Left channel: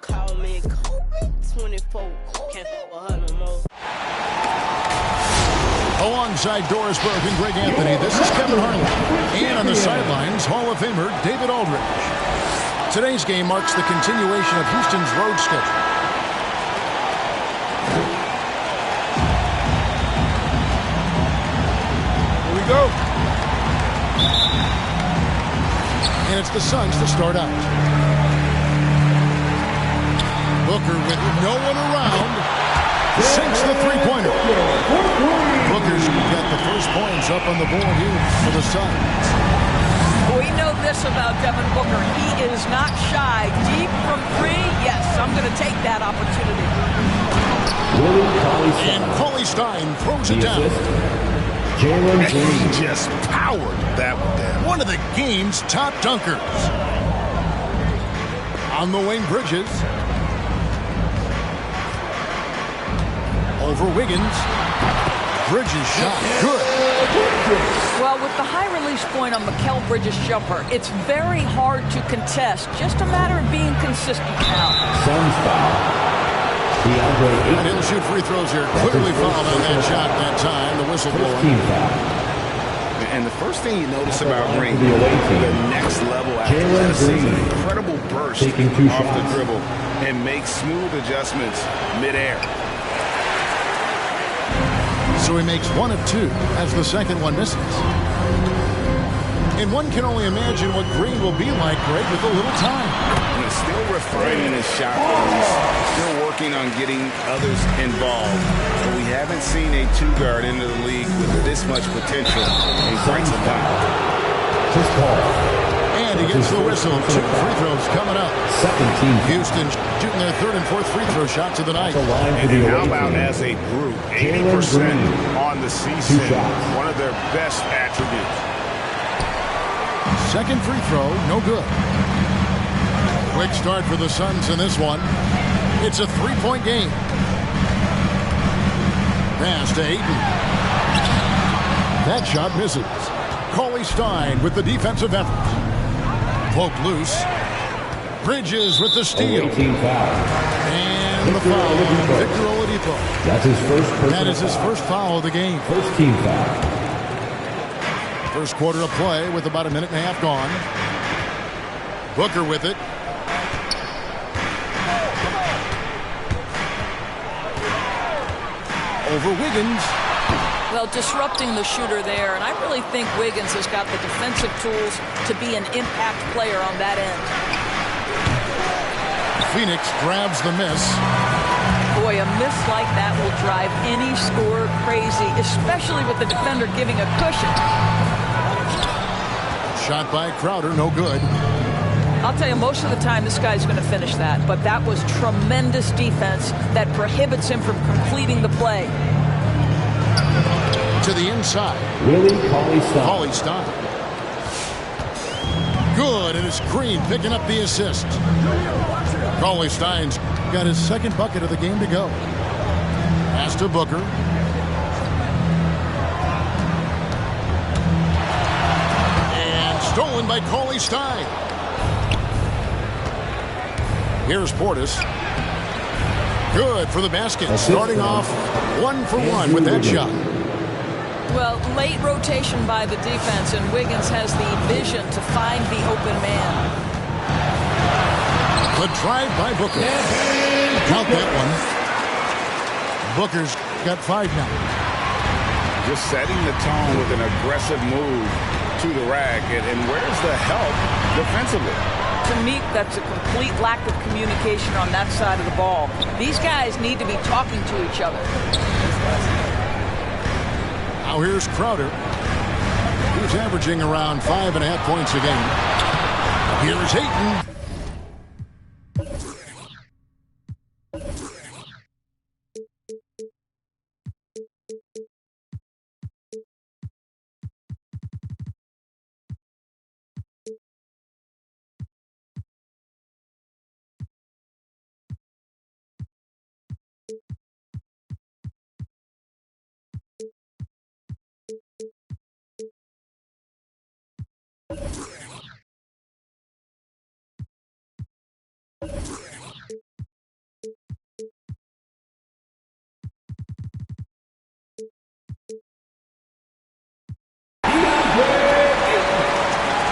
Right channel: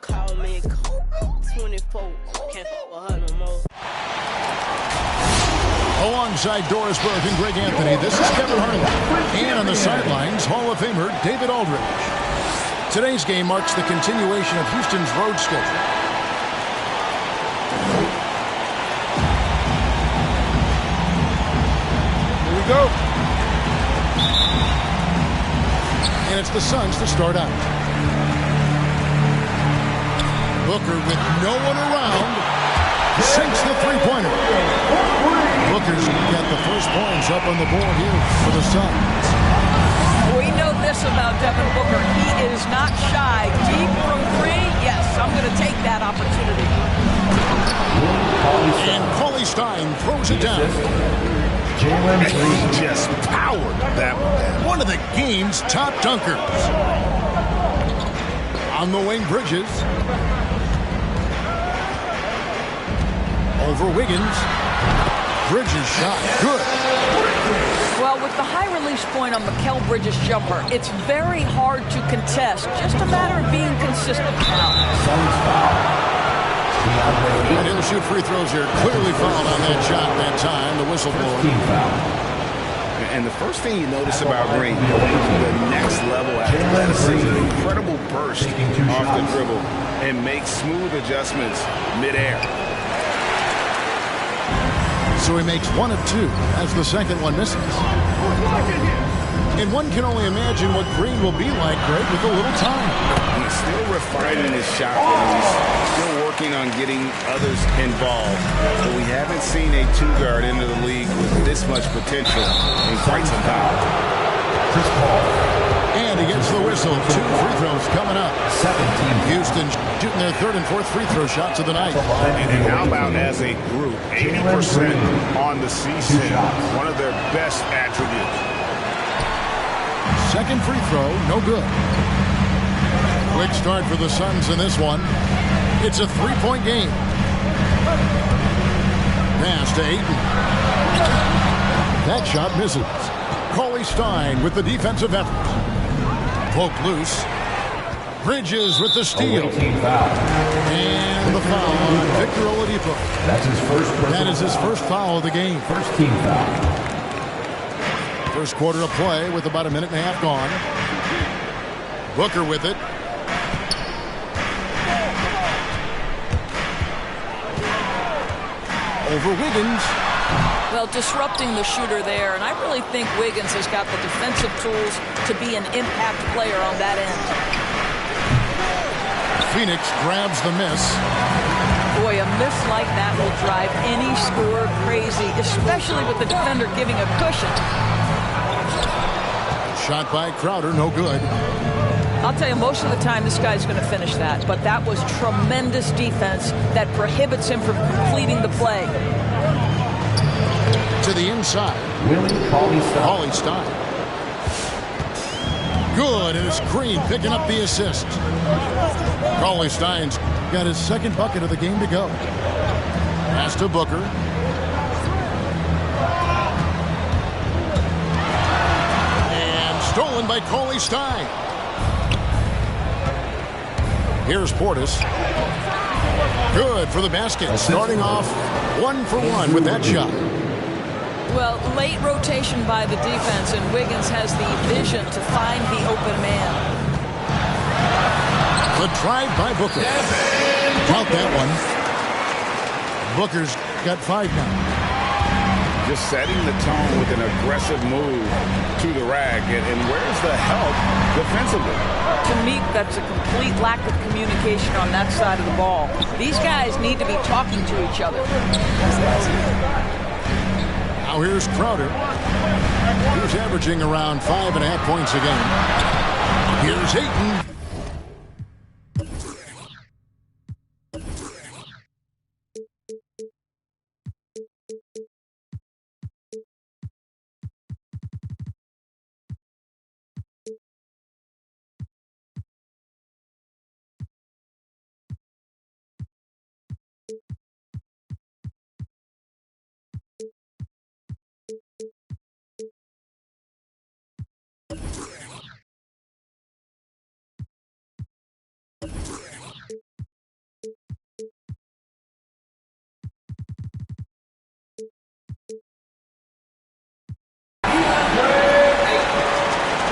Call me Kobe 24. Can't fuck with her no more. Alongside Doris Burke and Greg Anthony, this is Kevin Harlan. And on the sidelines, Hall of Famer David Aldridge. Today's game marks the continuation of Houston's road schedule. Here we go. And it's the Suns to start out. Booker with no one around sinks the three-pointer. Booker's got the first points up on the board here for the Suns. We know this about Devin Booker. He is not shy. Deep from three, yes, I'm going to take that opportunity. And Cauley Stein throws it down. He just powered that one down. One of the game's top dunkers. On the wing, Bridges. Over Wiggins. Bridges shot. Good. Well, with the high release point on Mikal Bridges' jumper, it's very hard to contest. Just a matter of being consistent now. Suns foul. And he'll shoot free throws here. Clearly fouled on that shot that time. The whistle blowing. And the first thing you notice about Green, the next level athleticism, incredible burst off the dribble, and makes smooth adjustments midair. So he makes one of two as the second one misses. And one can only imagine what Green will be like, Greg, with a little time. He's still refining his shot release, still working on getting others involved. But we haven't seen a two-guard into the league with this much potential in quite some time. Chris Paul. And he gets the whistle. 2 free throws coming up. Houston shooting their third and fourth free throw shots of the night. And how about as a group? 80% on the season. One of their best attributes. Second free throw, no good. Quick start for the Suns in this one. It's a three-point game. Pass to Ayton. That shot misses. Cauley Stein with the defensive effort. Poked loose. Bridges with the steal. And the foul on Victor Oladipo. That's his first personal That is his first foul of the game. First team foul. First quarter of play with about a minute and a half gone. Booker with it. Over Wiggins. Well, disrupting the shooter there, and I really think Wiggins has got the defensive tools to be an impact player on that end. Phoenix grabs the miss. Boy, a miss like that will drive any scorer crazy, especially with the defender giving a cushion. Shot by Crowder, no good. I'll tell you, most of the time this guy's going to finish that, but that was tremendous defense that prohibits him from completing the play. To the inside. Cauley Stein. Good, and it's Green picking up the assist. Cauley Stein's got his second bucket of the game to go. Pass to Booker. And stolen by Cauley Stein. Here's Portis. Good for the basket. Starting off 1 for 1 with that shot. Well, late rotation by the defense, and Wiggins has the vision to find the open man. The drive by Booker. Count that one. Booker's got 5 now. Just setting the tone with an aggressive move to the rack. And where's the help defensively? To me, that's a complete lack of communication on that side of the ball. These guys need to be talking to each other. Now here's Crowder. He's averaging around 5.5 points a game. Here's Ayton.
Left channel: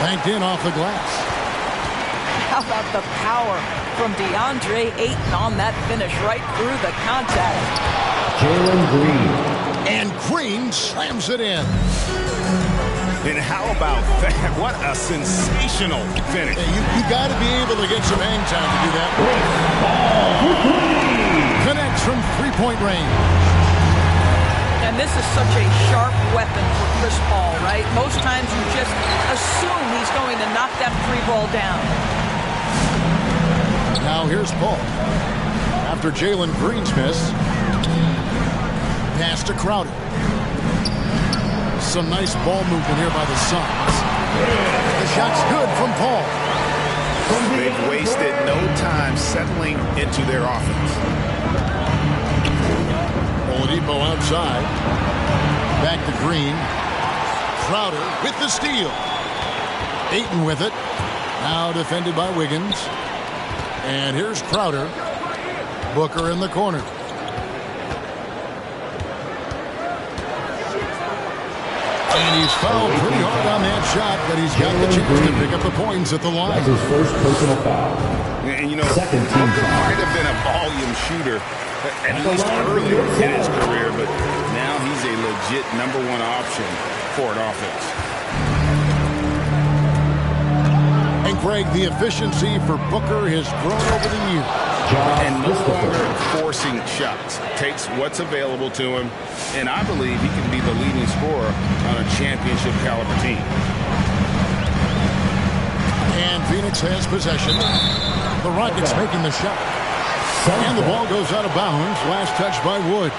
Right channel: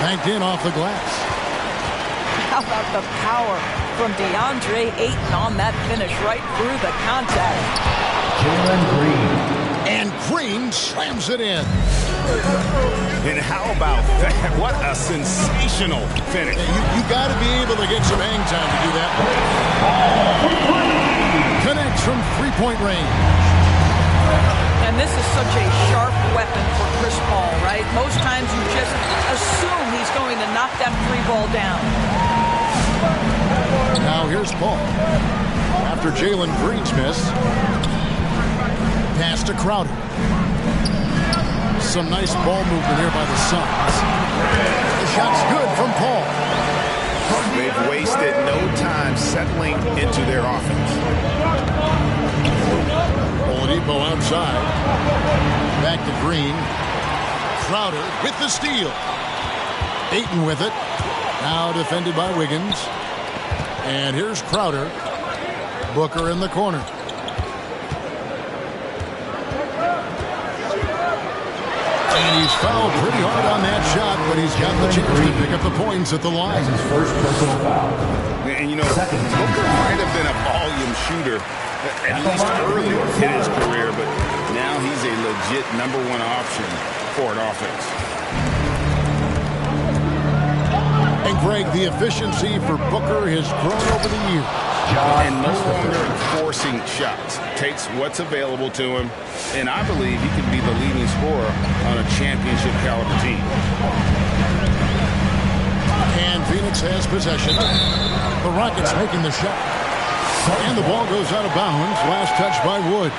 Banked in off the glass. How about the power from DeAndre Ayton on that finish right through the contact. Jalen Green. And Green slams it in. And how about that? What a sensational finish. Hey, you got to be able to get some hang time to do that. Connects from three-point range. And this is such a sharp weapon for Chris Paul, right? Most times you just assume he's going to knock that three ball down. Now here's Paul. After Jalen Green's miss, pass to Crowder. Some nice ball movement here by the Suns. The shot's good from Paul. They've wasted no time settling into their offense. Oladipo outside. Back to Green. Crowder with the steal. Ayton with it. Now defended by Wiggins. And here's Crowder. Booker in the corner. And he's fouled pretty hard on that shot, but he's got the chance to pick up the points at the line. That's his first personal foul. And you know, Booker might have been a volume shooter, at least early in his career, but now he's a legit #1 option for an offense. And Greg, the efficiency for Booker has grown over the years. And no longer forcing shots. Takes what's available to him, and I believe he can be the leading scorer on a championship caliber team. And Phoenix has possession. The Rockets making the shot. And the ball goes out of bounds. Last touch by Wood.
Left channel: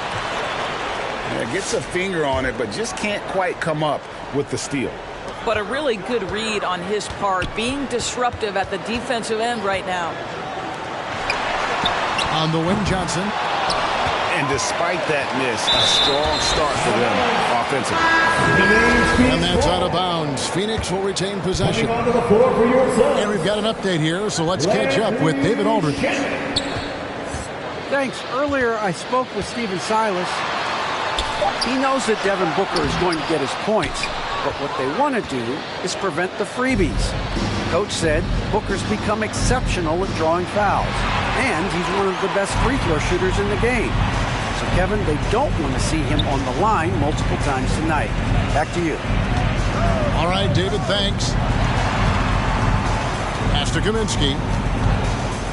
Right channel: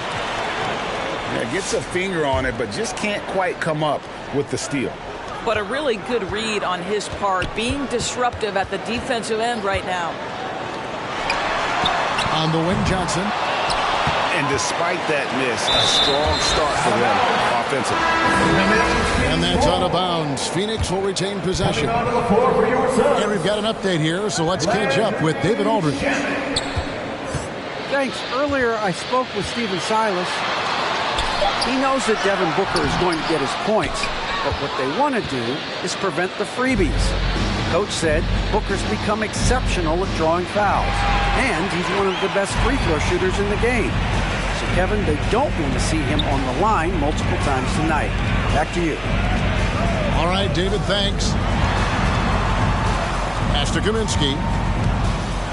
Yeah, gets a finger on it, but just can't quite come up with the steal. But a really good read on his part, being disruptive at the defensive end right now. On the wing, Johnson. And despite that miss, a strong start for them offensively. And that's out of bounds. Phoenix will retain possession. And we've got an update here, so let's catch up with David Aldridge. Thanks. Earlier, I spoke with Stephen Silas. He knows that Devin Booker is going to get his points, but what they want to do is prevent the freebies. Coach said Booker's become exceptional at drawing fouls, and he's one of the best free throw shooters in the game. So, Kevin, they don't want to see him on the line multiple times tonight. Back to you. All right, David, thanks. Pass to Kaminsky.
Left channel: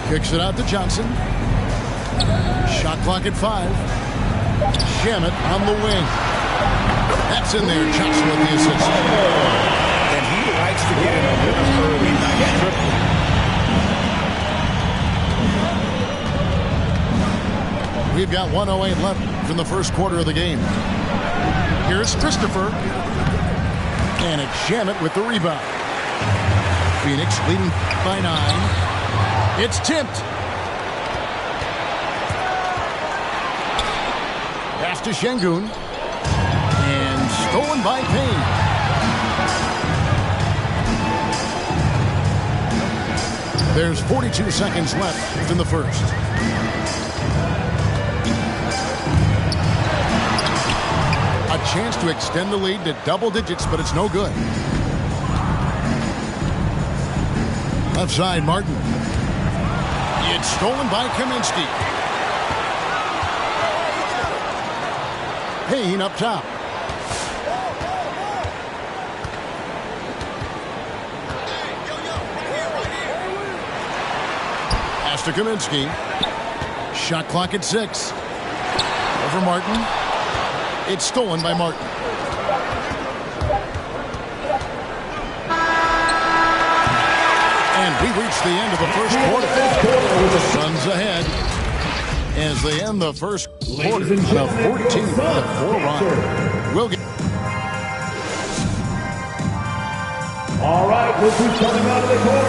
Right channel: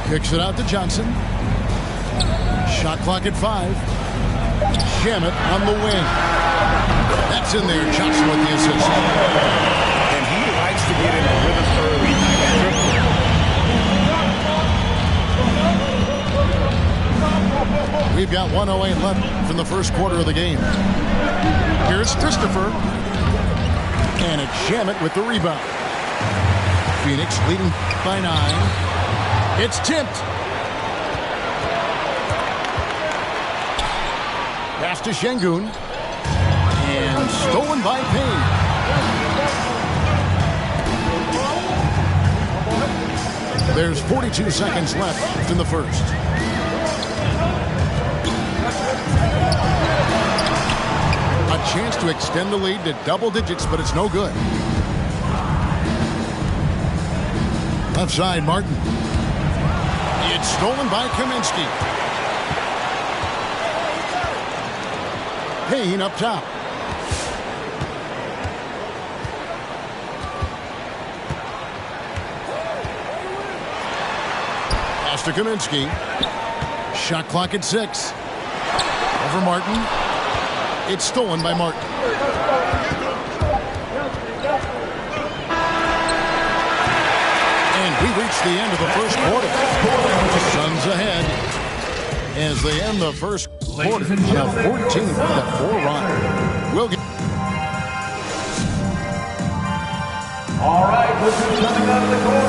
Kicks it out to Johnson. Shot clock at 5. Shamet on the wing. That's in there. Johnson with the assist. And he likes to get in a rhythm early. Nice triple. We've got 1:08 left in the first quarter of the game. Here's Christopher. And it's Shamet with the rebound. Phoenix leading by 9. It's tipped. Pass to Şengün. And stolen by Payne. There's 42 seconds left in the first. A chance to extend the lead to double digits, but it's no good. Left side, Martin. It's stolen by Kaminsky. Payne up top. Pass to Kaminsky. Shot clock at 6. Over Martin. It's stolen by Martin. And we reach the end of the first quarter. The Suns ahead as they end the first quarter on a 14-4 run. We'll get. All right, look who's coming out of the court.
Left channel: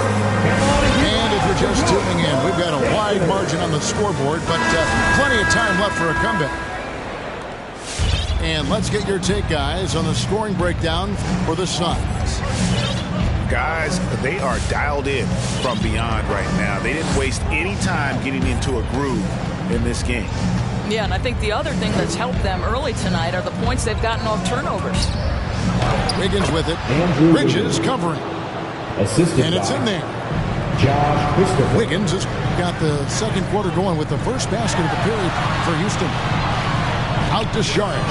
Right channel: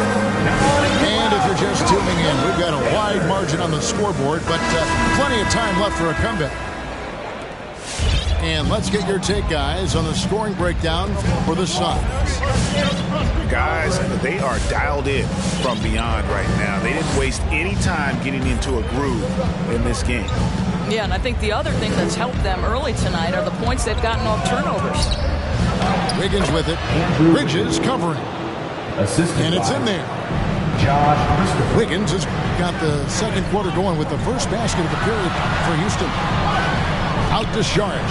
And if you're just tuning in, we've got a wide margin on the scoreboard, but plenty of time left for a comeback. And let's get your take, guys, on the scoring breakdown for the Suns. Guys, they are dialed in from beyond right now. They didn't waste any time getting into a groove in this game. Yeah, and I think the other thing that's helped them early tonight are the points they've gotten off turnovers. Wiggins with it. Bridges covering. Assisted and it's by in there. Josh Christopher. Wiggins has got the second quarter going with the first basket of the period for Houston. Out to Saric.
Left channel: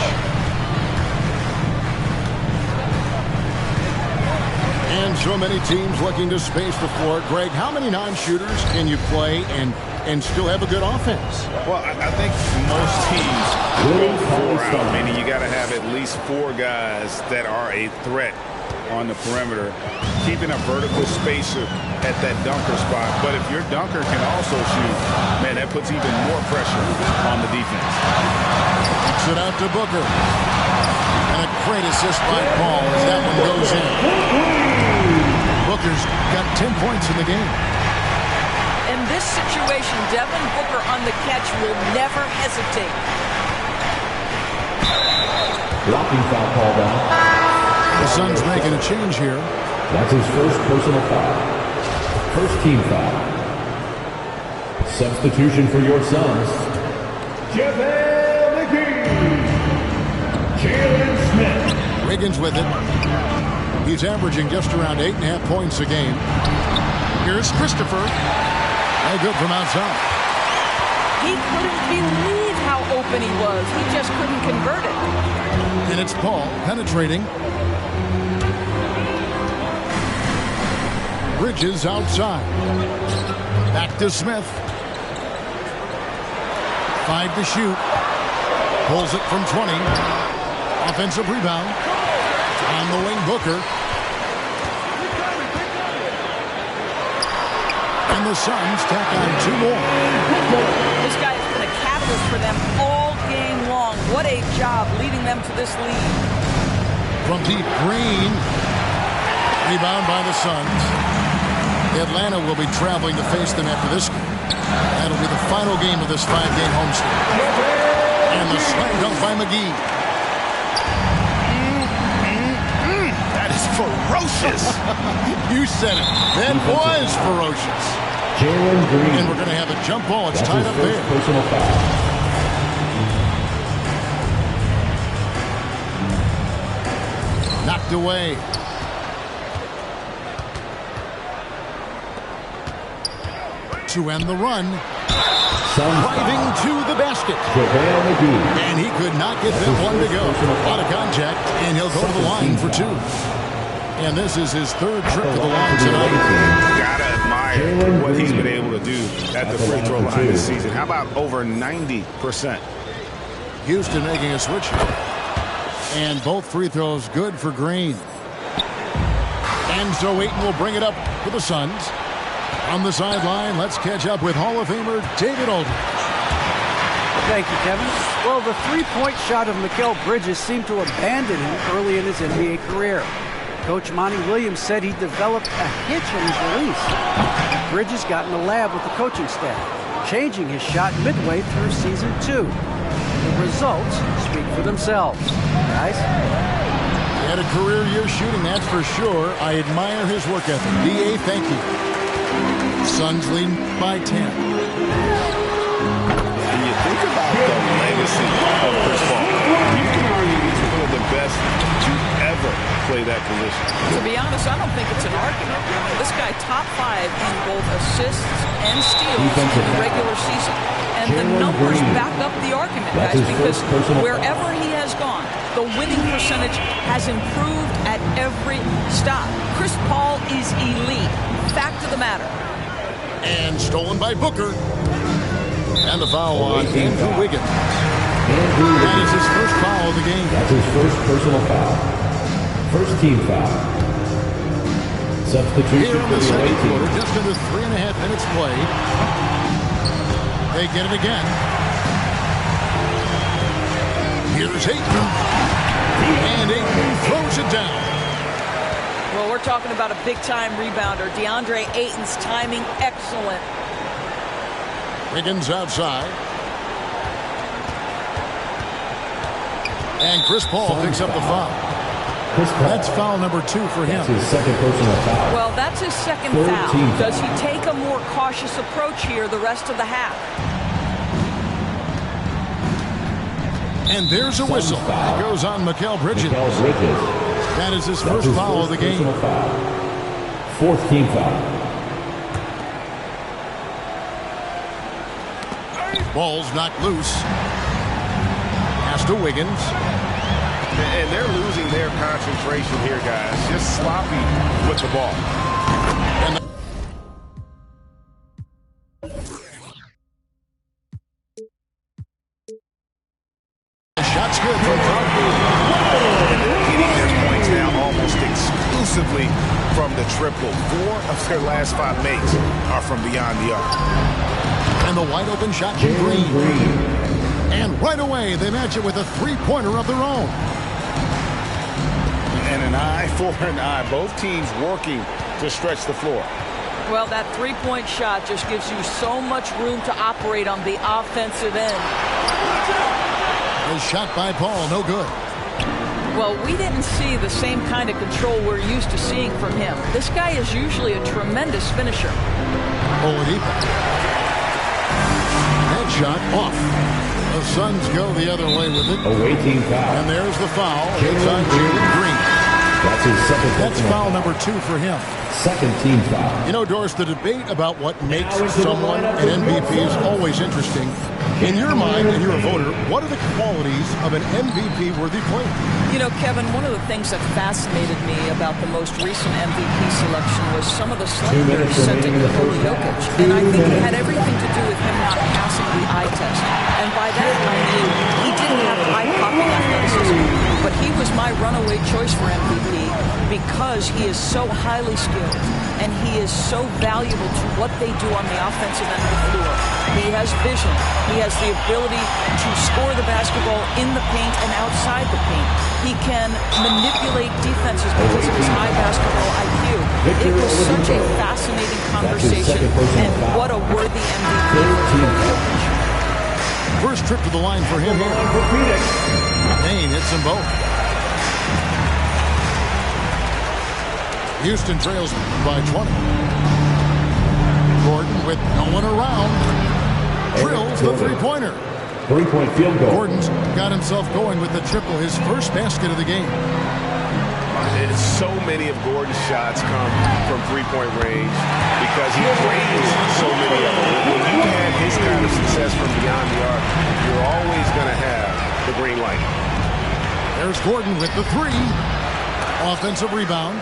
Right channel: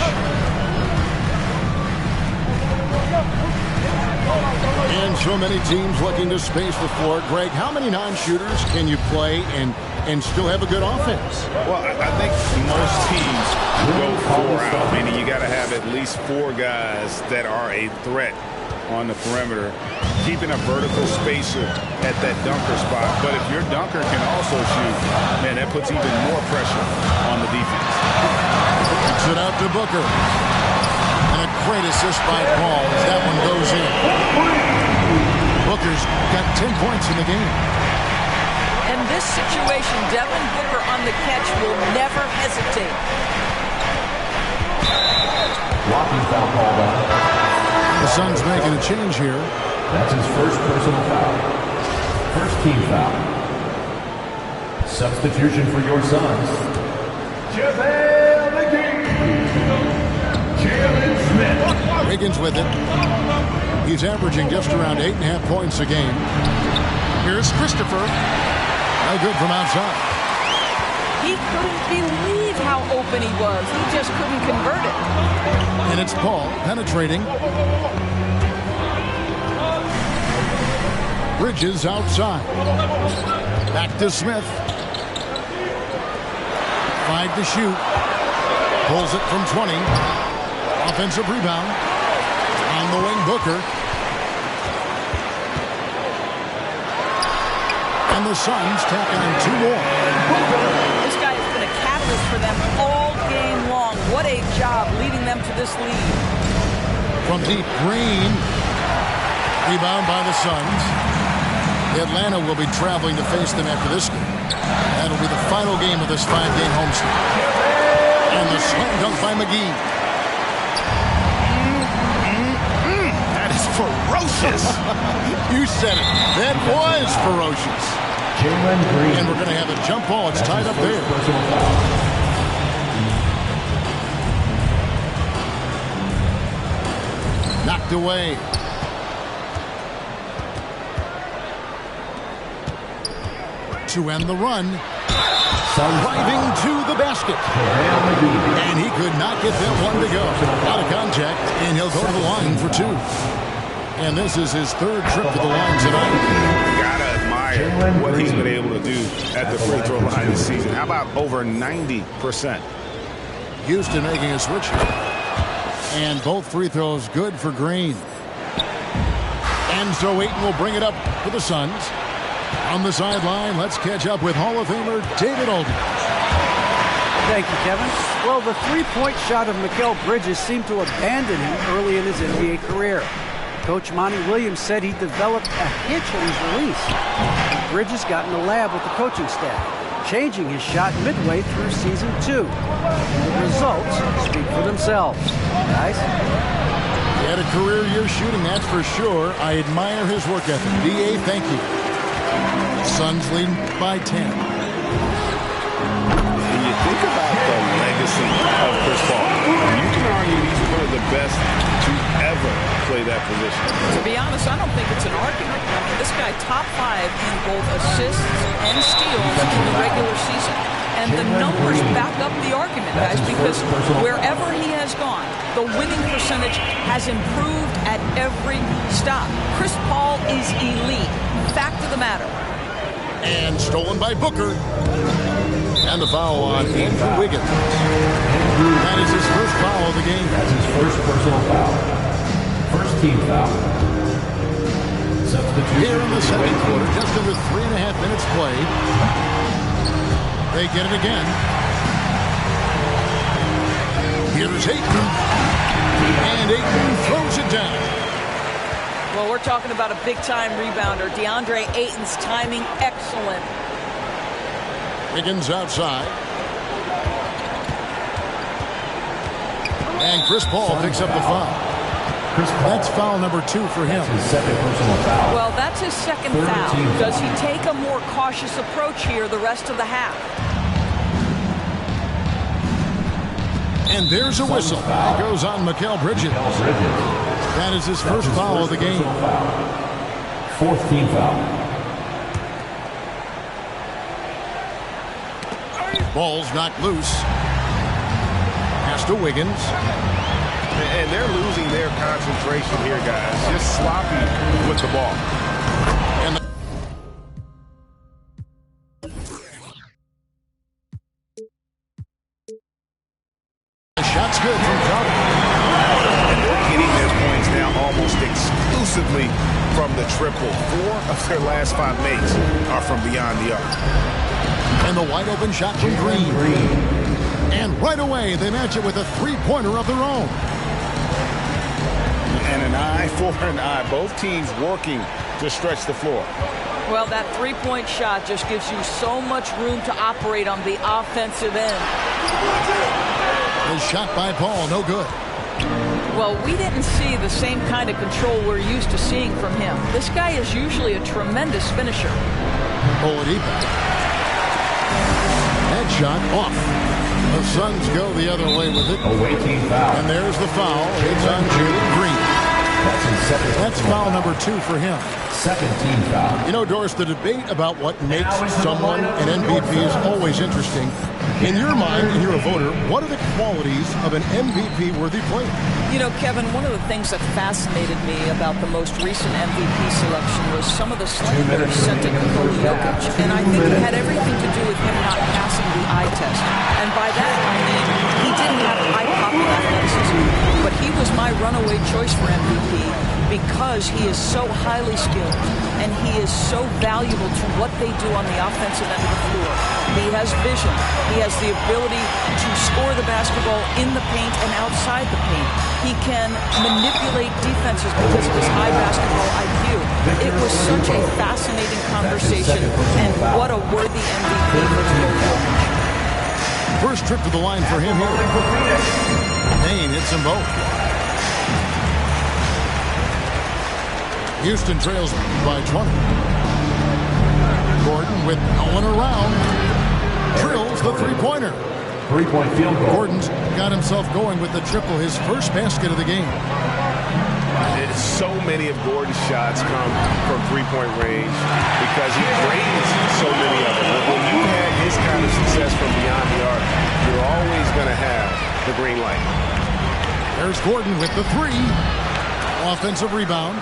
And so many teams looking to space the floor. Greg, how many non-shooters can you play and still have a good offense? Well, I think most teams go 4 out, meaning you got to have at least 4 guys that are a threat on the perimeter, keeping a vertical spacer at that dunker spot. But if your dunker can also shoot, man, that puts even more pressure on the defense. Kicks it out to Booker. And a great assist by Paul as that one goes in. Booker's got 10 points in the game. In this situation, Devin Booker on the catch will never hesitate. Blocking foul called on. The Suns making a change here. That's his first personal foul. First team foul. Substitution for your Suns. JaVale McGee. Jalen Smith. Wiggins with it. He's averaging just around 8.5 points a game. Here's Christopher. No good from outside. He couldn't believe how open he was. He just couldn't convert it. And it's Paul penetrating. Bridges outside. Back to Smith. 5 to shoot. Pulls it from 20. Offensive rebound. On the wing, Booker. And the Suns tack on 2 more. This guy has been a catalyst for them all game long. What a job leading them to this lead. From deep, Green. Rebound by the Suns. Atlanta will be traveling to face them after this game. That'll be the final game of this 5-game homestand. And the slam dunk by McGee. That is ferocious. You said it. That was ferocious. Jalen Green. And we're going to have a jump ball. It's tied up there. Personal foul. Knocked away. To end the run. Driving to the basket. JaVale McGee. And he could not get that one to go. Out of contact, and he'll go to the line for 2. And this is his 3rd trip to the line tonight. Gotta admire what he's been able to do at the free throw line this season. How about over 90%? Houston making a switch here. And both free throws good for Green. And so Ayton will bring it up for the Suns. On the sideline, let's catch up with Hall of Famer David Aldridge. Thank you, Kevin. Well, the three-point shot of Mikal Bridges seemed to abandon him early in his NBA career. Coach Monty Williams said he developed a hitch in his release. Bridges got in the lab with the coaching staff, changing his shot midway through season 2. And the results speak for themselves. Guys? He had a career year shooting, that's for sure. I admire his work ethic. D.A., thank you. Suns leading by 10. And you think about the legacy of Chris Paul. You can argue he's one of the best to ever play that position. To be honest, I don't think it's an argument. I mean, this guy top 5 in both assists and steals in the regular season. And the numbers back up the argument, guys, because wherever he has gone, the winning percentage has improved at every stop. Chris Paul is elite. Fact of the matter. And stolen by Booker. And the foul on Andrew Wiggins. That is his first foul of the game. That's his first personal foul. First team foul. Substitution here in the for second team. quarter, just under 3.5 minutes played. They get it again. Here's Ayton. And Ayton throws it down. Well, we're talking about a big-time rebounder. DeAndre Ayton's timing, excellent. Wiggins outside. And Chris Paul picks up the foul. That's foul number 2 for him. That's his second personal foul. Well, that's his second foul. Does he take a more cautious approach here the rest of the half? And there's a whistle. That goes on Mikal Bridges. That is his first foul of the game. Fourth team foul. Ball's knocked loose. Pass to Wiggins. And they're losing their concentration here, guys. Just sloppy with the ball. And the shot's good from Crowder. And they're getting their points now almost exclusively from the triple. 4 of their last 5 makes are from beyond the arc. And the wide open shot from Green. And right away, they match it with a three-pointer of their own. And an eye for an eye. Both teams working to stretch the floor. Well, that three-point shot just gives you so much room to operate on the offensive end. A shot by Paul, no good. Well, we didn't see the same kind of control we're used to seeing from him. This guy is usually a tremendous finisher. Oladipo. That shot off. The Suns go the other way with it. Away team foul. And there's the foul. It's on Jalen Green. That's his second. That's foul number 2 for him. Second team foul. You know, Doris, the debate about what makes someone an MVP is always interesting. In your mind, and you're a voter, what are the qualities of an MVP-worthy player? You know, Kevin, one of the things that fascinated me about the most recent MVP selection was some of the slander sent at Nikola Jokic. And I think it had everything to do with him not passing the eye test. And by that, I mean, he didn't have eye-popping athleticism. But he was my runaway choice for MVP because he is so highly skilled and he is so valuable to what they do on the offensive end of the floor. He has vision. He has the ability to score the basketball in the paint and outside the paint. He can manipulate defenses because of his high basketball IQ. It was such a fascinating conversation, and what a worthy MVP for Nikola Jokic. First trip to the line for him here. Payne hits them both. Houston trails by 20. Gordon with no one around. Drills the three-pointer. Three-point field goal. Gordon's got himself going with the triple, his first basket of the game. So many of Gordon's shots come from three-point range because he drains so many of them. When you had his kind of success from beyond the arc, you're always going to have the green light. There's Gordon with the 3. Offensive rebound.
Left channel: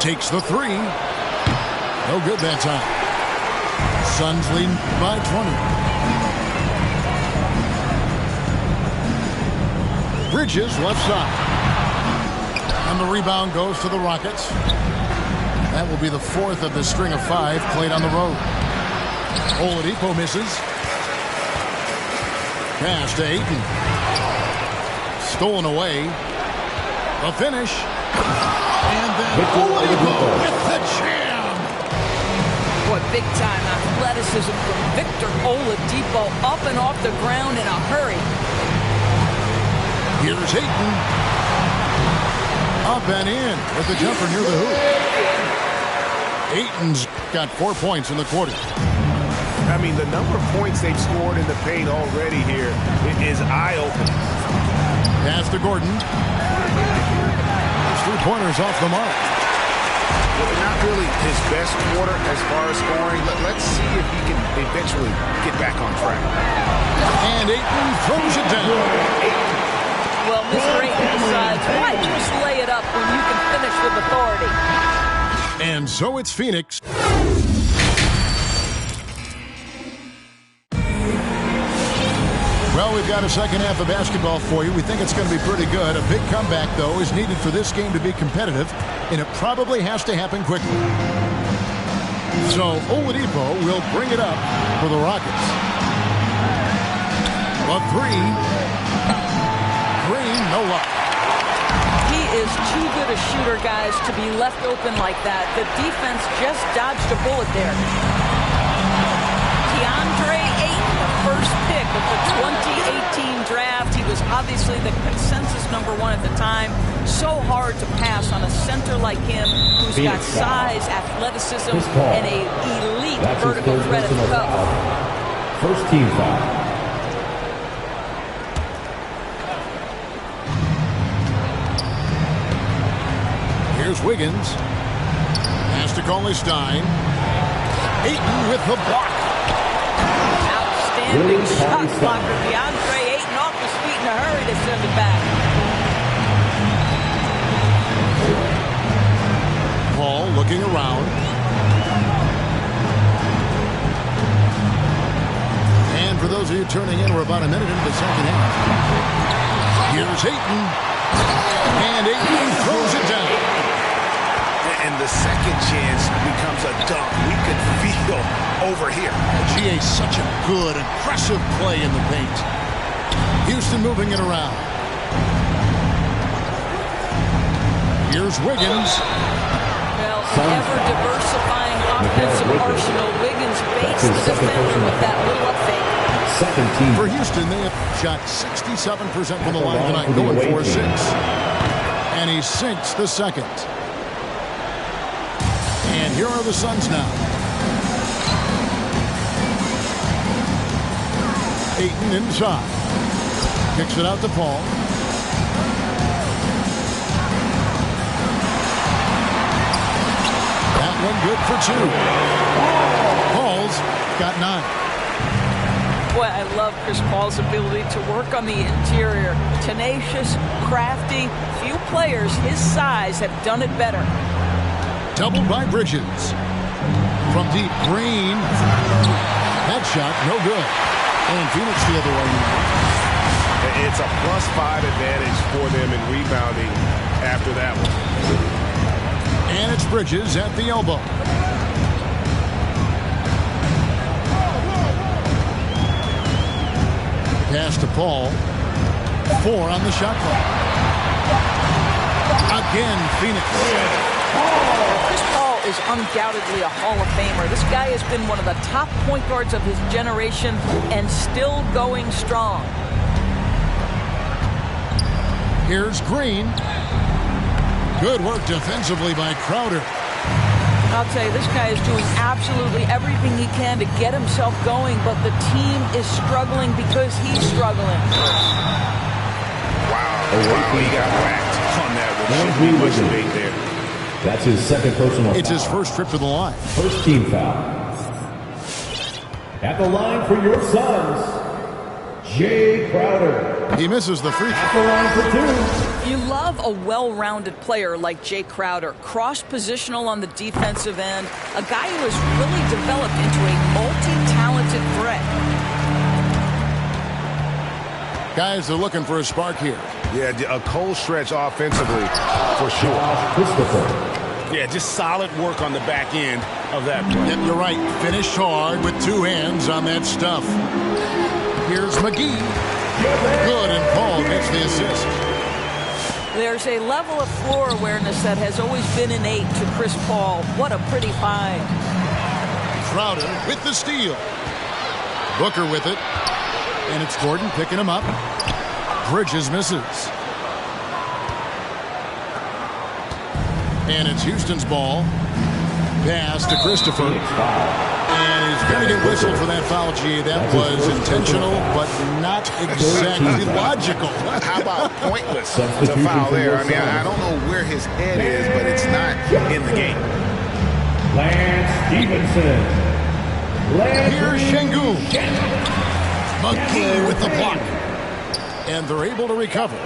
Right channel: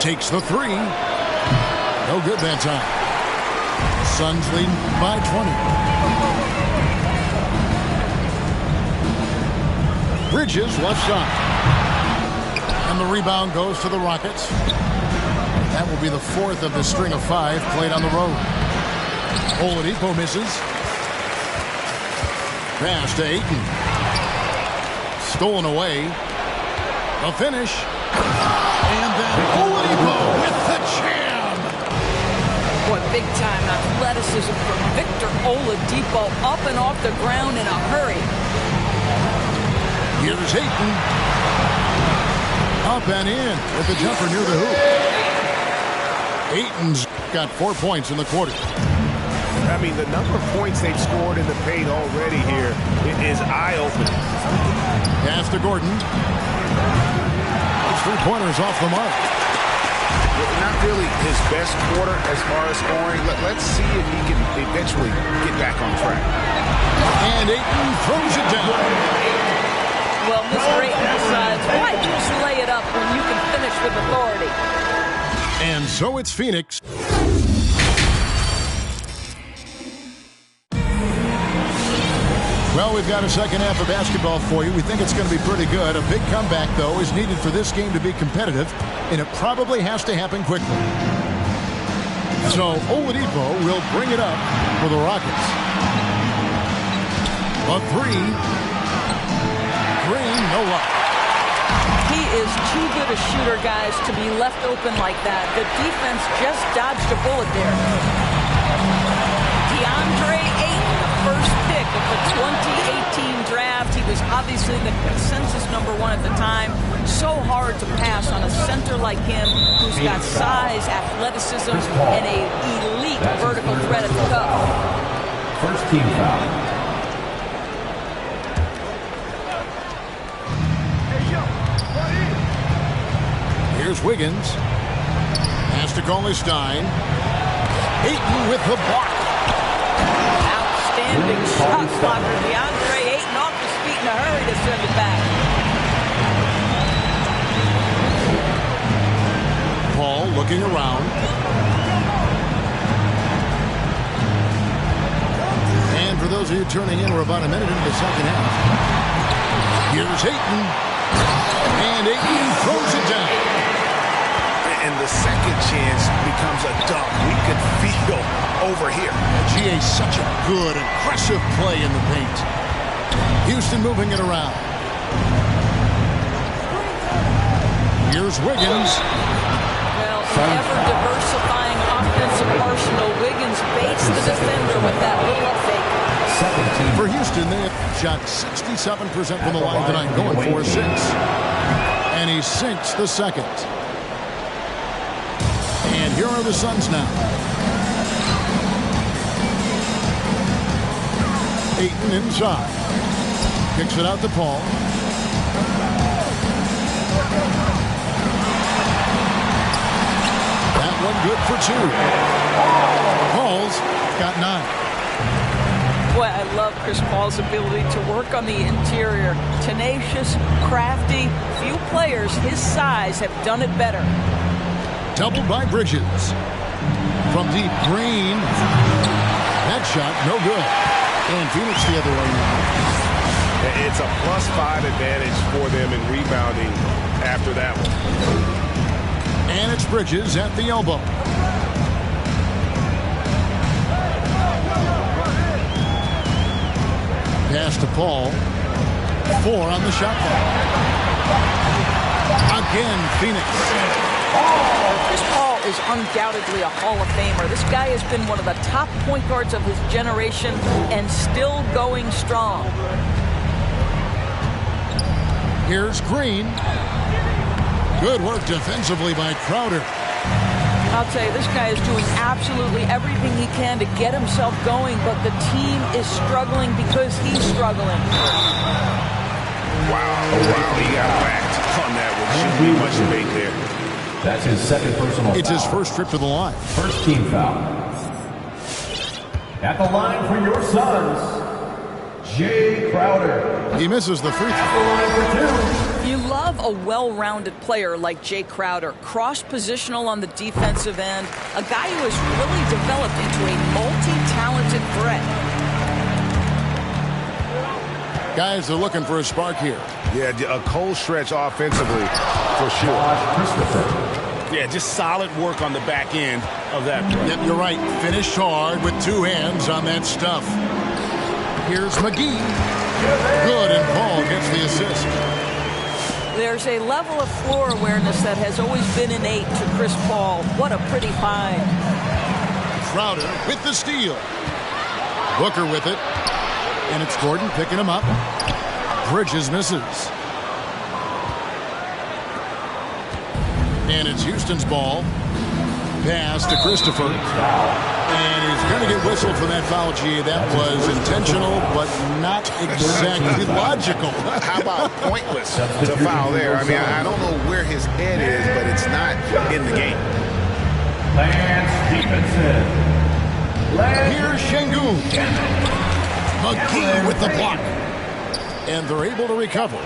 Takes the 3. No good that time. Suns leading by 20. Bridges left side. And the rebound goes to the Rockets. That will be the 4th of the string of 5 played on the road. Oladipo misses. Pass to Ayton. Stolen away. The finish. And then Oladipo with the jam. What big-time athleticism from Victor Oladipo, up and off the ground in a hurry. Here's Ayton. Up and in with the jumper near the hoop. Ayton's got 4 points in the quarter. I mean, the number of points they've scored in the paint already here is eye-opening. Pass to Gordon. Those three-pointers off the mark. Not really his best quarter as far as scoring. Let's see if he can eventually get back on track. And Ayton throws it down. Well, Mr. Ayton decides, why just lay it up when you can finish with authority? And so it's Phoenix. Well, we've got a second half of basketball for you. We think it's going to be pretty good. A big comeback, though, is needed for this game to be competitive, and it probably has to happen quickly. So Oladipo will bring it up for the Rockets. A 3. Green, no luck. He is too good a shooter, guys, to be left open like that. The defense just dodged a bullet there. DeAndre Ayton, the first pick of the 2018 draft. He was was obviously the consensus #1 at the time. So hard to pass on a center like him who's got size, athleticism, and an elite vertical threat at the cup. First team foul. Here's Wiggins. Has to call his Stein. Ayton with the block. Outstanding shot blocker. DeAndre Ayton off his feet in a hurry to send it back. Paul looking around. And for those of you turning in, we're about a minute into the second half. Here's Ayton. And Ayton throws it down. And the second chance becomes a dunk. We could feel over here. GA, such a good, aggressive play in the paint. Houston moving it around. Here's Wiggins. Well, an ever-diversifying offensive arsenal. Wiggins baits the defender with that little up fake. Second team. For Houston, they have shot 67% from the line tonight, going 4-6. And he sinks the second. And here are the Suns now. Ayton inside. Kicks it out to Paul. That one good for 2. Paul's got 9. Boy, I love Chris Paul's ability to work on the interior. Tenacious, crafty. Few players his size have done it better. Doubled by Bridges. From deep, Green. That shot, no good. And Phoenix the other way now. It's a +5 advantage for them in rebounding after that one. And it's Bridges at the elbow. Pass to Paul. 4 on the shot clock. Again, Phoenix. Chris Paul is undoubtedly a Hall of Famer. This guy has been one of the top point guards of his generation and still going strong. Here's Green. Good work defensively by Crowder. I'll tell you, this guy is doing absolutely everything he can to get himself going, but the team is struggling because he's struggling. Wow, he got whacked on that one. Shouldn't be much debate there. That's his second personal foul. It's his first trip to the line. First team foul. At the line for your Suns, Jay Crowder. He misses the free At throw. the line for 2. You love a well-rounded player like Jay Crowder, cross-positional on the defensive end, a guy who has really developed into a multi-talented threat. Guys are looking for a spark here. Yeah, a cold stretch offensively for sure. Josh Christopher. Yeah, just solid work on the back end of that play. Yep, you're right. Finished hard with 2 hands on that stuff. Here's McGee. Good, and Paul gets the assist. There's a level of floor awareness that has always been innate to Chris Paul. What a pretty find. Crowder with the steal. Booker with it. And it's Gordon picking him up. Bridges misses. And it's Houston's ball. Pass to Christopher. And he's going to get whistled for that foul, G. That was intentional, but not exactly logical. How about pointless to foul there? I mean, I don't know where his head is, but it's not in the game. Lance Stevenson. Here's Şengün. McGee with the block. And they're able to recover.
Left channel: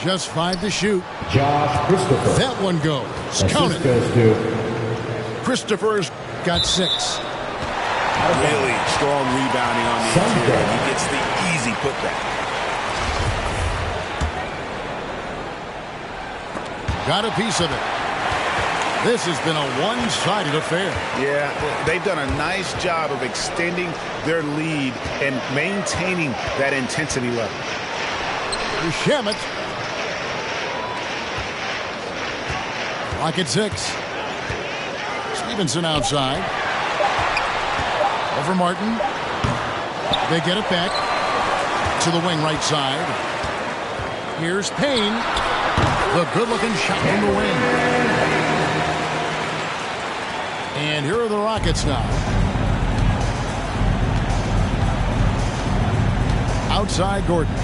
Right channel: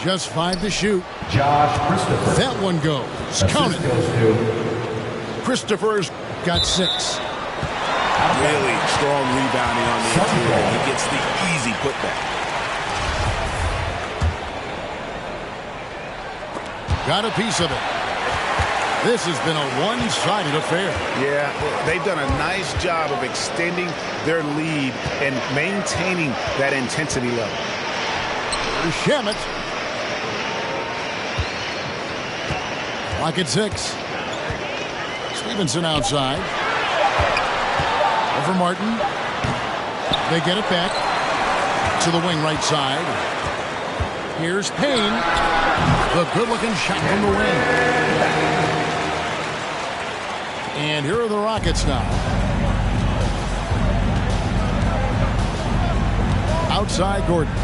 Just 5 to shoot. Josh Christopher. That one goes. Count it. Goes to Christopher's got 6. Really strong rebounding on the interior. And he gets the easy putback. Got a piece of it. This has been a one-sided affair. Yeah, They've done a nice job of extending their lead and maintaining that intensity level. Here's Shamet. Clock at 6. Stevenson outside. Over Martin. They get it back. to the wing right side. Here's Payne. The good-looking shot from the wing. And here are the Rockets now. Outside Gordon.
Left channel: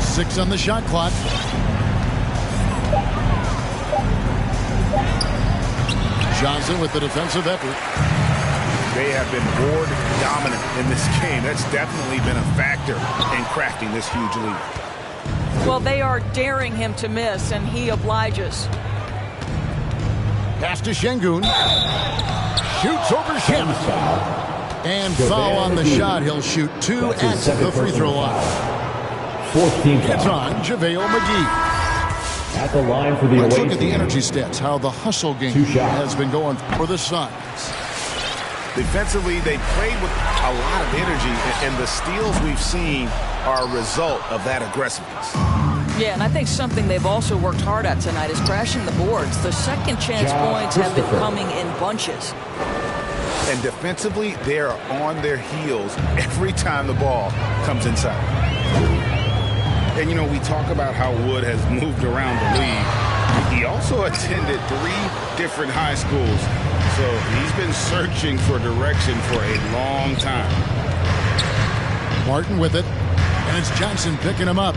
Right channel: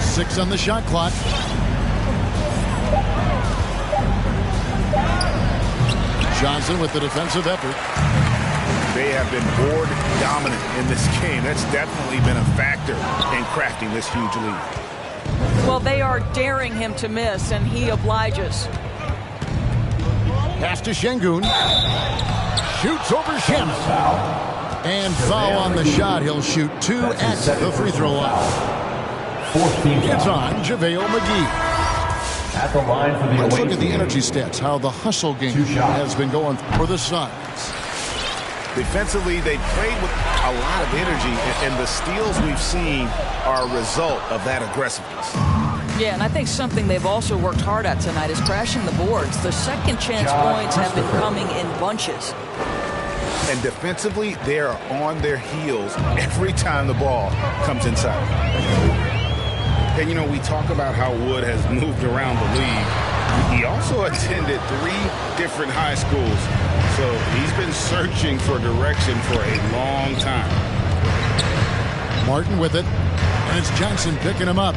Six on the shot clock. Johnson with the defensive effort. They have been board dominant in this game. That's definitely been a factor in crafting this huge lead. Well, they are daring him to miss, and he obliges. Pass to Şengün. Shoots over Shamet. And foul on the shot. He'll shoot two at the free throw line. It's on JaVale McGee. At the line for the Let's away look at the team. energy stats, how the hustle game has been going for the Suns. Defensively, they played with a lot of energy, and the steals we've seen are a result of that aggressiveness. Yeah, and I think something they've also worked hard at tonight is crashing the boards. The second chance points have been coming in bunches. And defensively, they are on their heels every time the ball comes inside. And, you know, we talk about how Wood has moved around the league. He also attended 3 different high schools. So he's been searching for direction for a long time. Martin with it. And it's Johnson picking him up.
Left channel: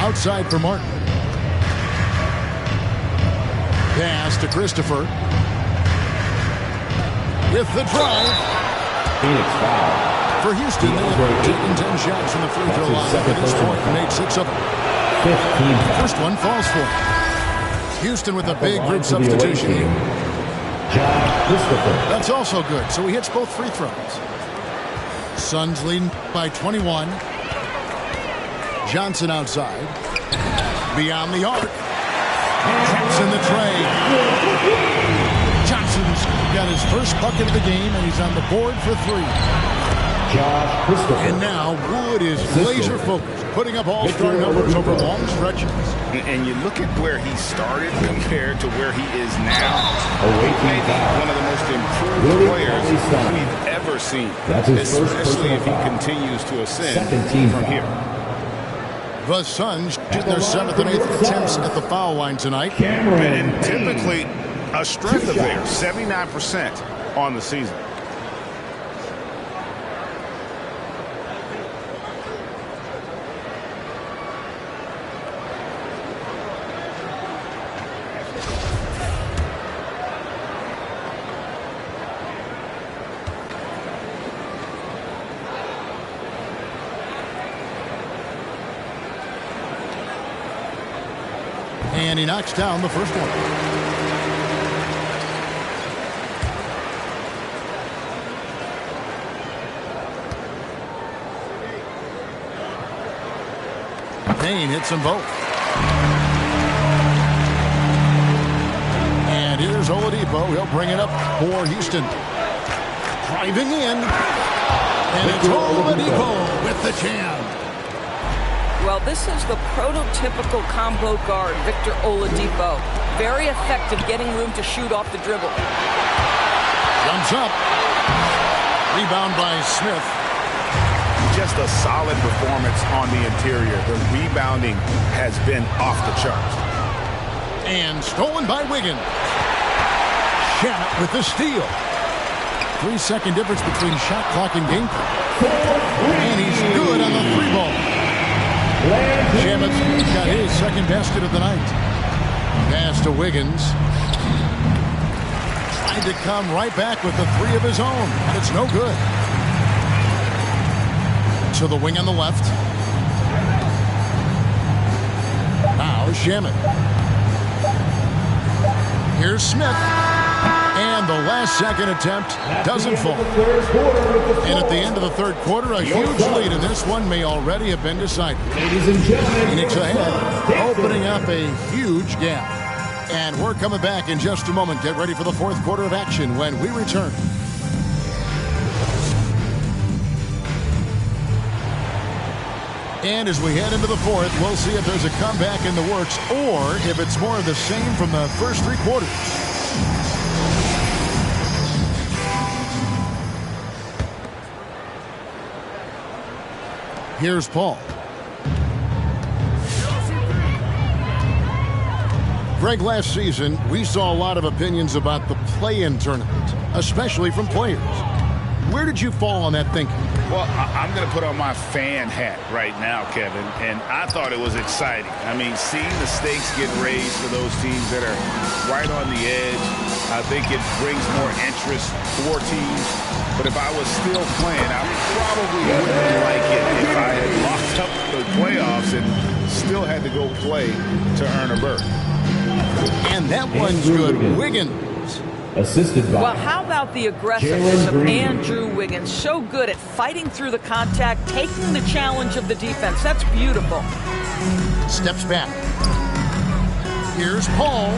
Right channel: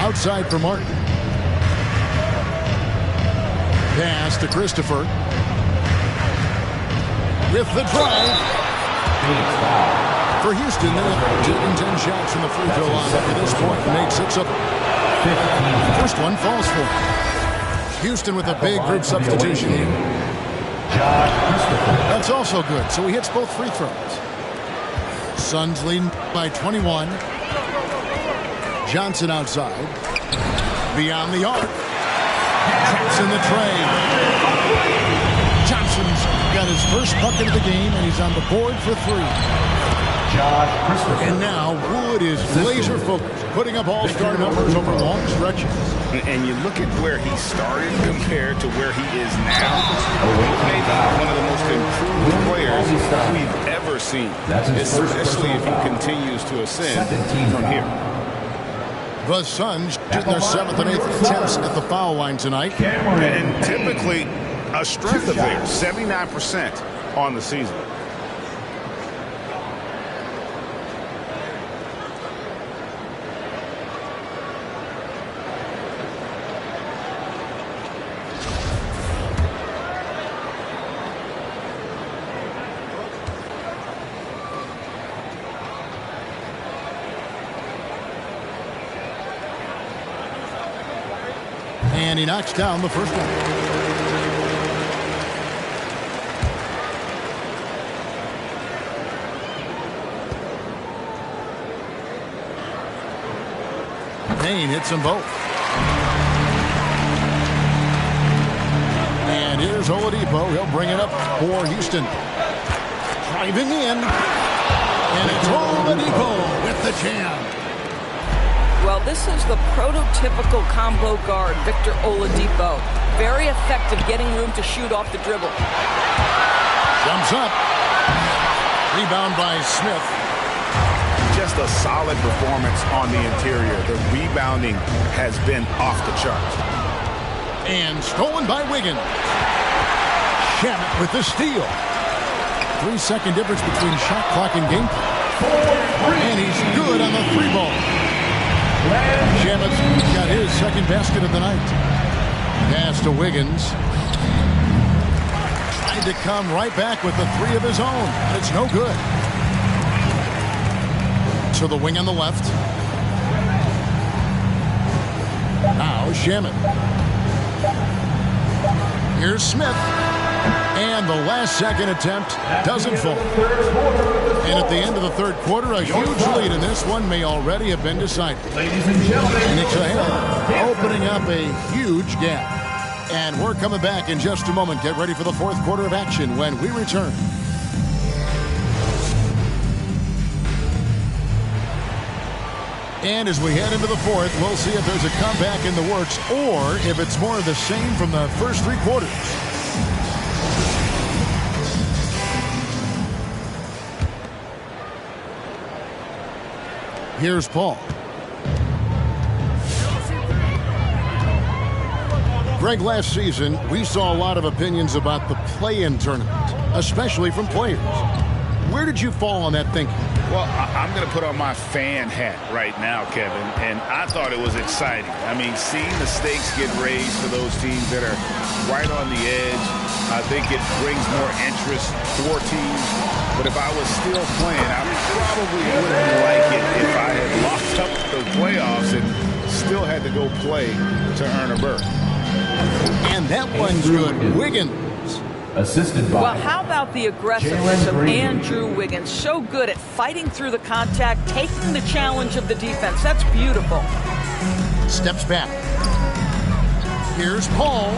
Outside for Martin. Pass to Christopher. With the drive. Phoenix foul. For Houston, they have taken 10 shots from the free throw line up to this point and made 6 of them. 15. First one falls for him. Houston with a big group substitution here. That's also good, so he hits both free throws. Suns leading by 21. Johnson outside. Beyond the arc. Traps in the tray. Johnson's got his first bucket of the game, and he's on the board for 3. And now Wood is laser focused, putting up all-star numbers over long stretches. And you look at where he started compared to where he is now. Wood may be one of the most improved players we've ever seen, especially if he continues to ascend from here. The Suns shooting their 7th and 8th attempts at the foul line tonight. And typically a strength of theirs, 79% on the season. And he knocks down the first one. Payne hits them both. And here's Oladipo. He'll bring it up for Houston. Driving in. And it's Oladipo with the jam. Well, this is the prototypical combo guard, Victor Oladipo. Very effective getting room to shoot off the dribble. Jumps up. Rebound by Smith. Just a solid performance on the interior. The rebounding has been off the charts. And stolen by Wiggins. Shamet with the steal. 3-second difference between shot clock and game clock. And he's good on the 3-ball. Shamet's got his second basket of the night. Pass to Wiggins. Tried to come right back with the 3 of his own, but it's no good. To the wing on the left. Now Shamet. Here's Smith. And the last second attempt doesn't fall. And at the end of the third quarter, a huge lead in this one may already have been decided. Ladies and gentlemen, Phoenix ahead, opening up a huge gap. And we're coming back in just a moment. Get ready for the fourth quarter of action when we return. And as we head into the fourth, we'll see if there's a comeback in the works or if it's more of the same from the first three quarters. Here's Paul. Greg, last season, we saw a lot of opinions about the play-in tournament, especially from players. Where did you fall on that thinking? Well, I'm going to put on my fan hat right now, Kevin, and I thought it was exciting. I mean, seeing the stakes get raised for those teams that are right on the edge, I think it brings more interest for teams. But if I was still playing, I probably wouldn't like it if I had locked up the playoffs and still had to go play to earn a berth. And that one's good. Wiggins. Assisted by. Well, how about the aggressiveness of Andrew Wiggins? So good at fighting through the contact, taking the challenge of the defense. That's beautiful. Steps back. Here's Paul.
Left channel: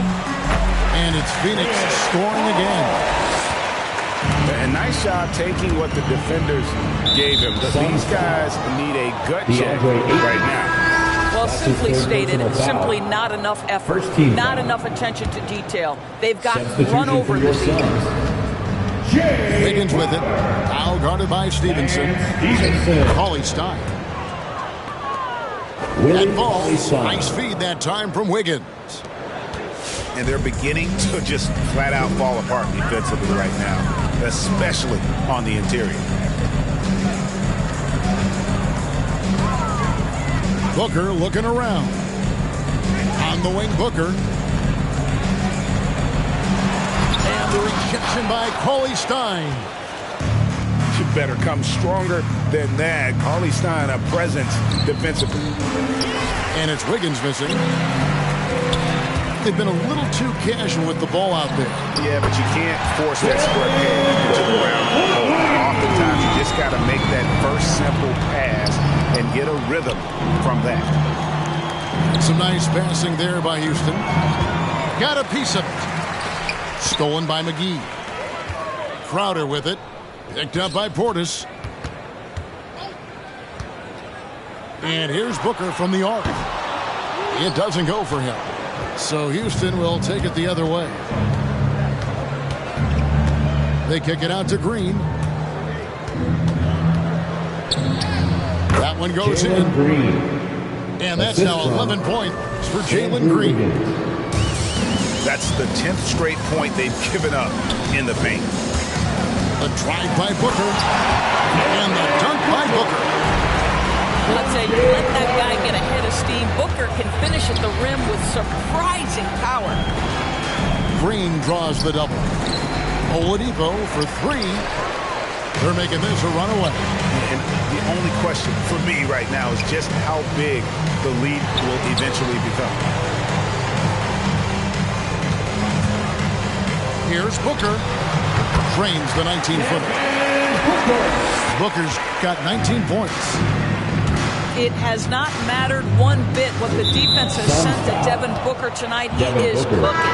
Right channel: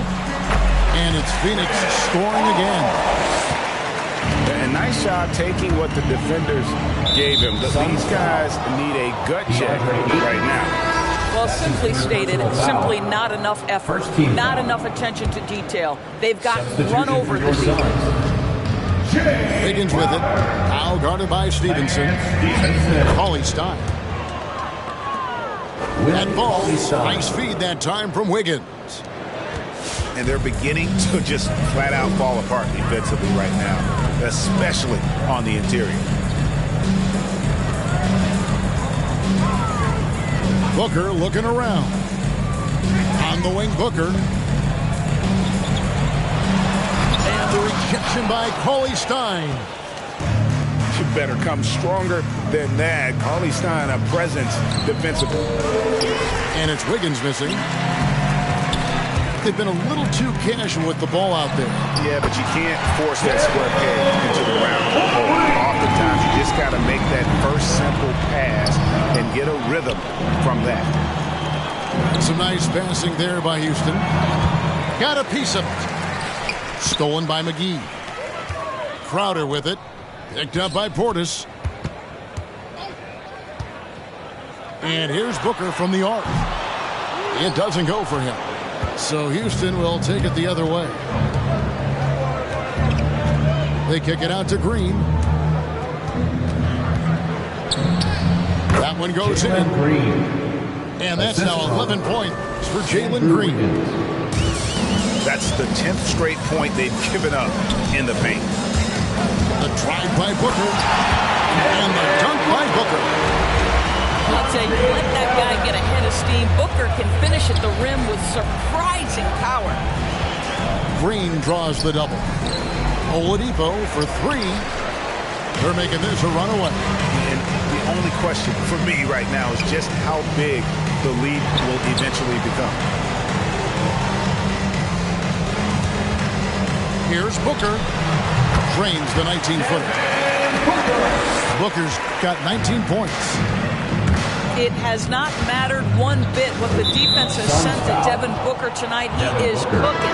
And it's Phoenix scoring again. A nice job taking what the defenders gave him. These guys need a gut check right now. Well, simply stated, simply not enough effort, not enough attention to detail. They've gotten run over this evening. Wiggins with it. Now guarded by Stevenson. Cauley Stein. That ball. Nice feed that time from Wiggins. And they're beginning to just flat out fall apart defensively right now, especially on the interior. Booker looking around. On the wing, Booker. And the rejection by Cauley Stein. You better come stronger than that. Cauley Stein, a presence defensively. And it's Wiggins missing. They've been a little too casual with the ball out there. Yeah, but you can't force that square peg into the round hole. Oftentimes, you just got to make that first simple pass and get a rhythm from that. Some nice passing there by Houston. Got a piece of it. Stolen by McGee. Crowder with it. Picked up by Portis. And here's Booker from the arc. It doesn't go for him. So Houston will take it the other way. They kick it out to Green. That one goes in. Green. And that's now 11 points for Jalen Green. That's the 10th straight point they've given up in the paint. The drive by Booker. And the dunk by Booker. I'd say let that guy get a head of steam. Booker can finish at the rim with surprising power. Green draws the double. Oladipo for three. They're making this a runaway. And the only question for me right now is just how big the lead will eventually become. Here's Booker. Drains the 19-footer. Booker's got 19 points. It has not mattered one bit what the defense has sent to Devin Booker tonight. He is cooking.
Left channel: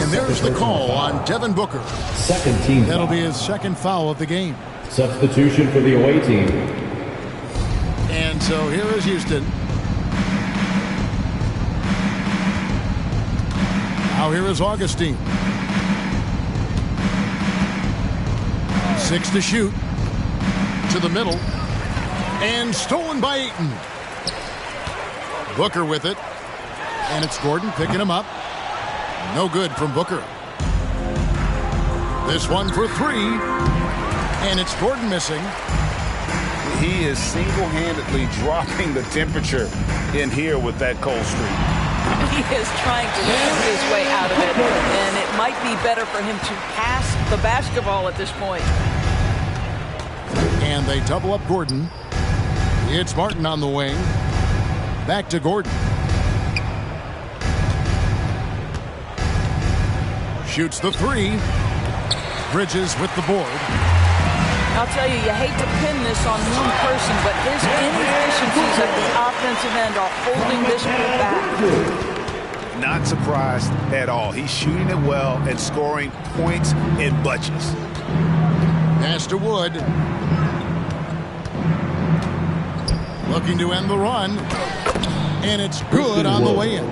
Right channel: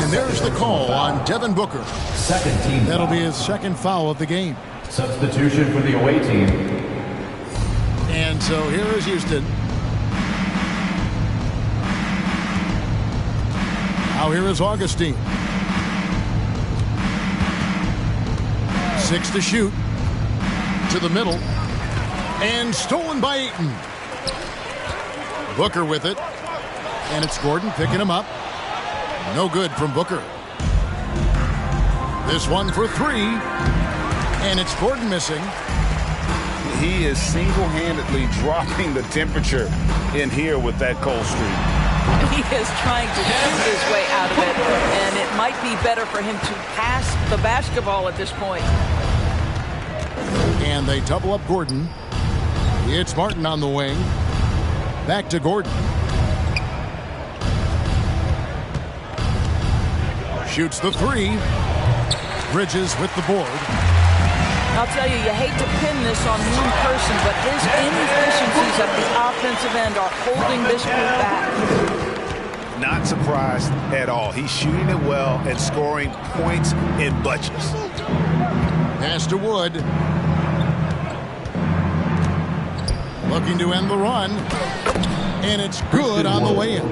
And there's the call on Devin Booker. Second team. That'll be his second foul of the game. Substitution for the away team. And so here is Houston. Now here is Augustine. 6 to shoot. To the middle. And stolen by Ayton. Booker with it. And it's Gordon picking him up. No good from Booker. This one for three. And it's Gordon missing. He is single-handedly dropping the temperature in here with that cold streak. He is trying to shoot his way out of it. And it might be better for him to pass the basketball at this point. And they double up Gordon. It's Martin on the wing. Back to Gordon. Shoots the three. Bridges with the board. I'll tell you, you hate to pin this on one person, but his inefficiencies at the offensive end are holding this group back. Not surprised at all. He's shooting it well and scoring points in bunches. Pass to Wood. Looking to end the run. And it's good on the way in.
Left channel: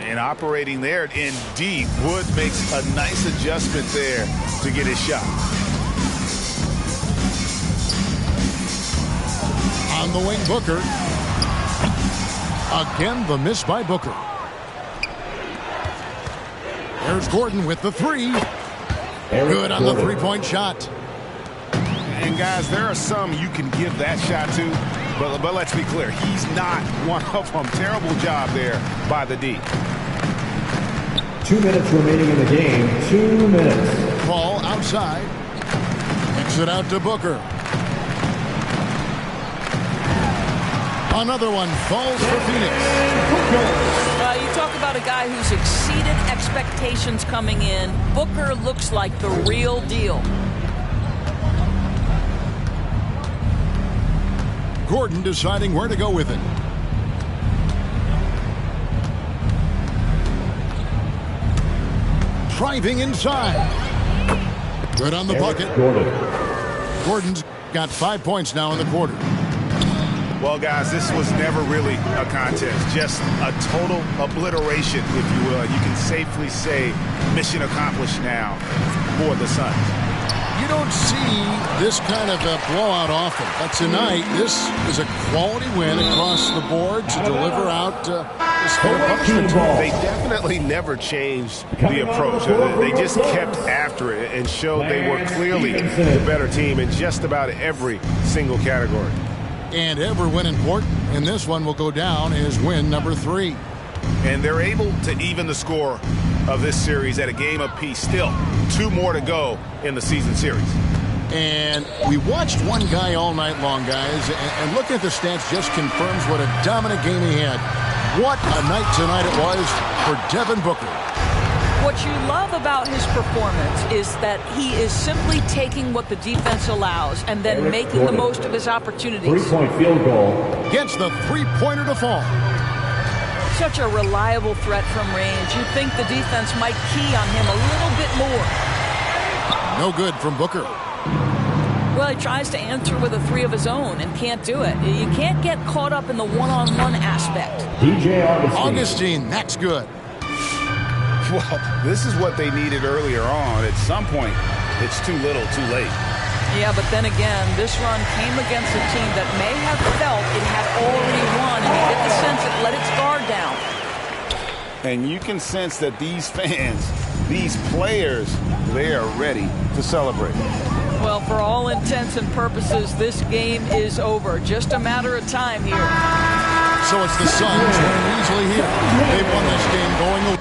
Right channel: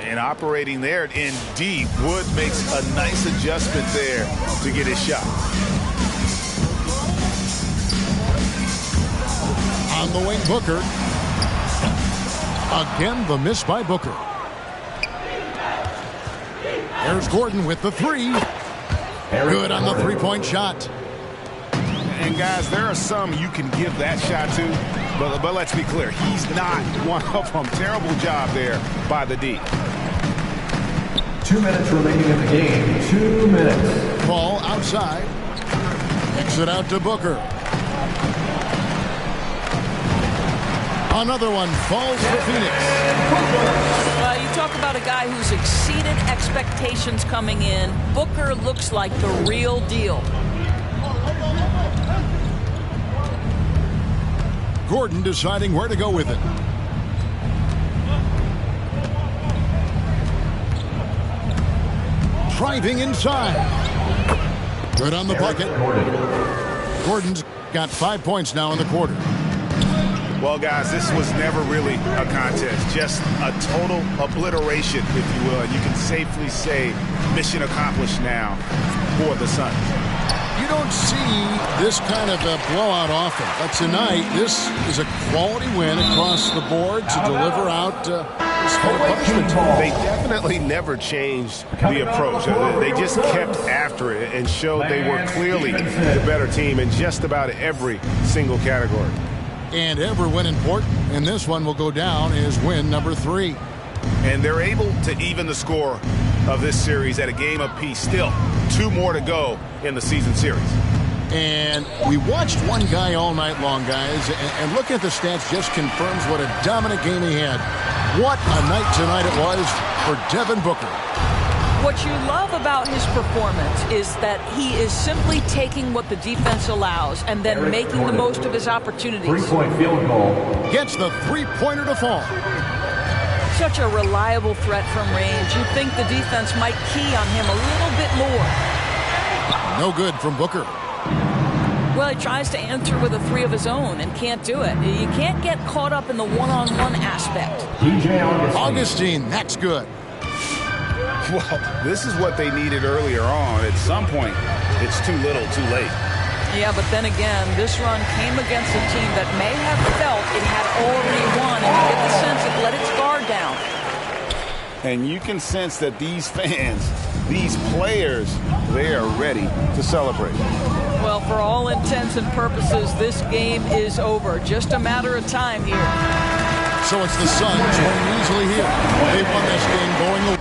And operating there in deep, Wood makes a nice adjustment there to get his shot. On the wing, Booker. Again, the miss by Booker. There's Gordon with the three. Good on the three-point shot. And guys, there are some you can give that shot to, but let's be clear, he's not one of them. Terrible job there by the D. 2 minutes remaining in the game. 2 minutes. Ball outside. Kicks it out to Booker. Another one falls for Phoenix. You talk about a guy who's exceeded expectations coming in. Booker looks like the real deal. Gordon deciding where to go with it. Driving inside. Good on the bucket. Gordon's got 5 points now in the quarter. Well, guys, this was never really a contest. Just a total obliteration, if you will. You can safely say mission accomplished now for the Suns. You don't see this kind of a blowout often, but tonight this is a quality win across the board to deliver out this kind of punishment. They definitely never changed the approach. They just kept after it and showed they were clearly the better team in just about every single category. And every win important, and this one will go down as win number 3. And they're able to even the score of this series at a game apiece. Still 2 more to go in the season series. And we watched one guy all night long, guys, and looking at the stats just confirms what a dominant game he had. What a night tonight it was for Devin Booker. What you love about his performance is that he is simply taking what the defense allows and then making the most of his opportunities. 3-point field goal. Gets the three-pointer to fall. Such a reliable threat from range. You'd think the defense might key on him a little bit more. No good from Booker. Well, he tries to answer with a 3 of his own and can't do it. You can't get caught up in the one-on-one aspect. DJ Augustine, that's good. Well, this is what they needed earlier on. At some point, it's too little, too late. Yeah, but then again, this run came against a team that may have felt it had already won, and you get the sense it let its guard down. And you can sense that these fans, these players, they are ready to celebrate. Well, for all intents and purposes, this game is over. Just a matter of time here. So it's the Suns winning easily here. They won this game going away.